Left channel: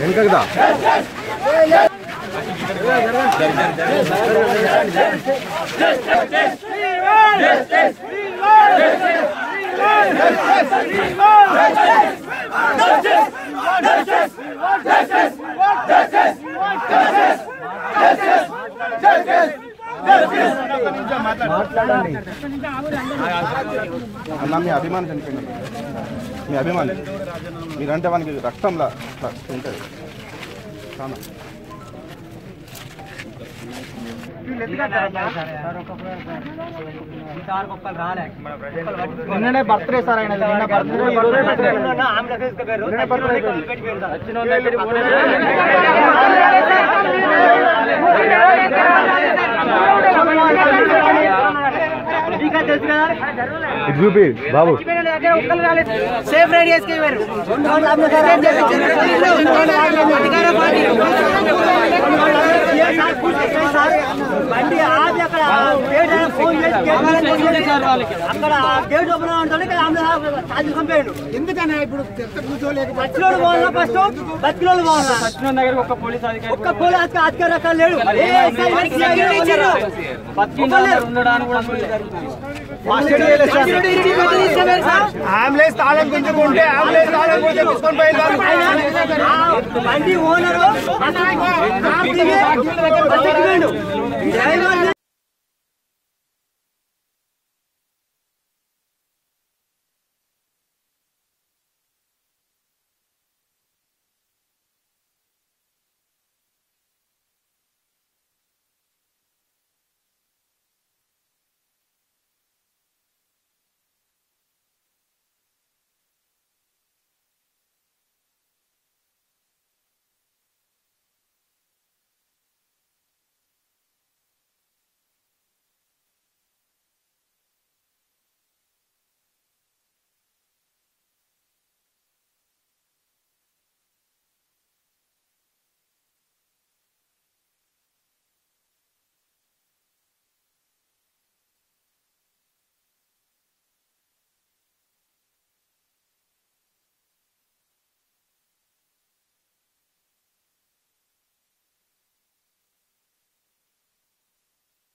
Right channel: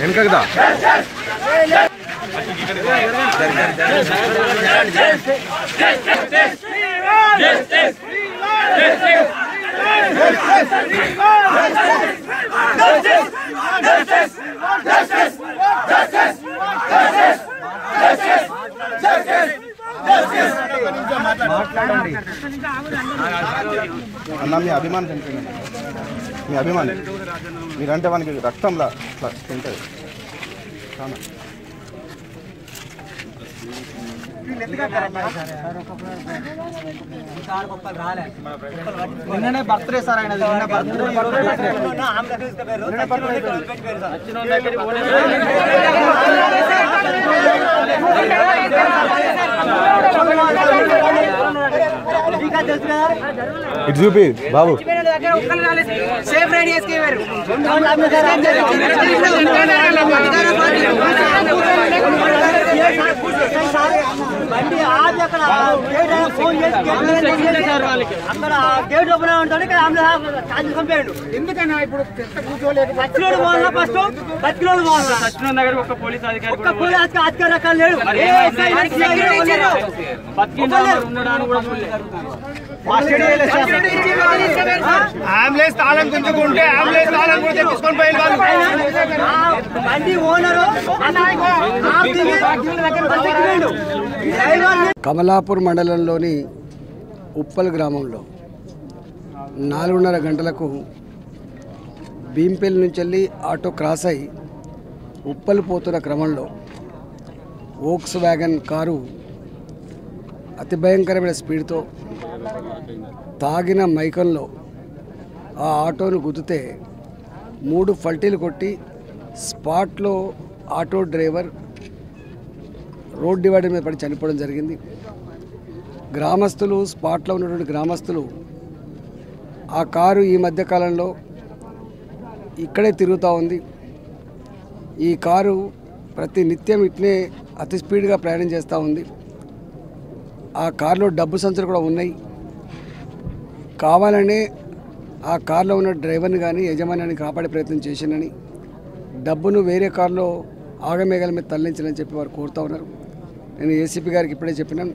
వెనకదా అన్న మీ అభిమానం చనిపోయింది మీ అభిమాని మీరంటే మనకి రక్తంలా ఉంటుంది నిన్ననే బర్త్డే సార్ ఆయన నిన్న చూపి బాబు సేఫ్ రేడియస్ కి బండి ఆగి అక్కడ గేట్ ఫోన్ చేసి అక్కడ గేట్ ఓపెన్ ఉంటుంది పంపాడు. ఎందుకన్నా ఇప్పుడు బతికిలోడు పోవాలా ఫస్ట్ బతికిలోడు పోవాలా సచిన్ దగ్గర ఒక పోలీస్ అధికారి అక్కడ లేడు. అంబులెన్స్ తాళం గుంజుకుంటే అంబులెన్స్ తాళం గుంజే తీసుకొని పోయి బండి ఓనరు కమలాపూర్ మండలంలోని ఉప్పల్ గ్రామంలో 4:30 గంటలకు భీంపల్లి నుంచి వెళ్ళి ఆటో క్రాస్ అయి ఉప్పల్ పోతున్న క్రమంలో వోక్స్ వ్యాగన్ కారు అతి భయంకరమైన స్పీడ్తో తాగిన మైకంలో ఆ ఆటోను గుద్దితే 3 ఫల్టీలు కొట్టి స్పాట్లో ఆటో డ్రైవర్ రోడ్ డివైడర్ మీద పడి చనిపోవడం జరిగింది. గ్రామస్తులు స్పాట్లో ఉన్నటువంటి గ్రామస్తులు ఆ కారు ఈ మధ్యకాలంలో ఇక్కడే తిరుగుతూ ఉంది. ఈ కారు ప్రతి నిత్యం ఇట్నే అతి స్పీడ్గా ప్రయాణం చేస్తూ ఉంది. ఆ కారులో డబ్బు సంచులు కూడా ఉన్నాయి. కావాలనే ఆ కారులో ఉన్న డ్రైవర్ని కానీ యజమానిని కాపాడే ప్రయత్నం చేసినని, డబ్బును వేరే కారులో ఆగమేఘాల మీద తరలించాలని చెప్పి వారు కోరుతూ ఉన్నారు. నేను ఏసీపీ గారికి ఇప్పుడే చెప్పినాను,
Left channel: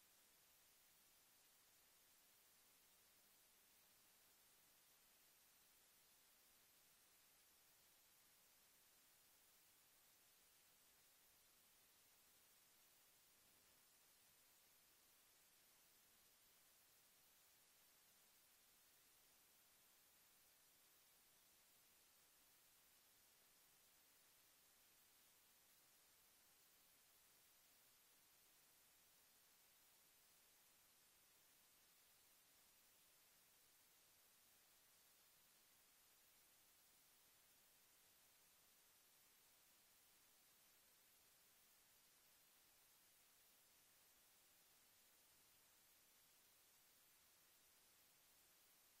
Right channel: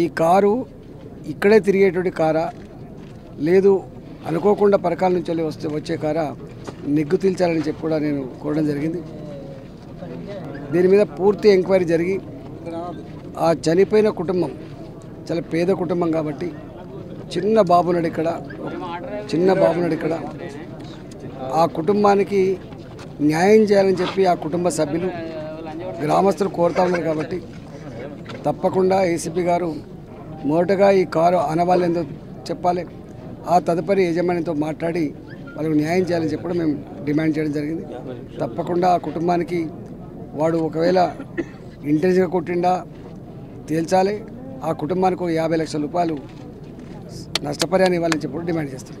ఈ కారు ఇక్కడే తిరిగేటువంటి కారా లేదు అనుకోకుండా పరకాల నుంచి వచ్చే కారా నిగ్గు తీల్చాలని చెప్పి కూడా నేను కోరడం జరిగింది. దీని మీద పూర్తి ఎంక్వైరీ జరిగి ఆ చనిపోయిన కుటుంబం చాలా పేద కుటుంబం కాబట్టి చిన్న బాబునాడు ఇక్కడ ఆ కుటుంబానికి న్యాయం చేయాలని చెప్పి ఆ కుటుంబ సభ్యులు గ్రామస్తులు కోరుతా ఉన్నారు. కాబట్టి తప్పకుండా ఏసీపీ గారు మొదటగా ఈ కారు ఆనవాళ్ళు ఏందో చెప్పాలి, ఆ తదుపరి యజమానితో మాట్లాడి వాళ్ళకు న్యాయం చేయాలని చెప్పడం మేము డిమాండ్ చేయడం జరిగింది. తప్పకుండా ఆ కుటుంబానికి వాడు ఒకవేళ ఇంటెలిజెంట్గా కొట్టిండా తేల్చాలి. ఆ కుటుంబానికి 50 లక్షల రూపాయలు నష్టపరిహారం ఇవ్వాలని చెప్పి డిమాండ్ చేస్తాం.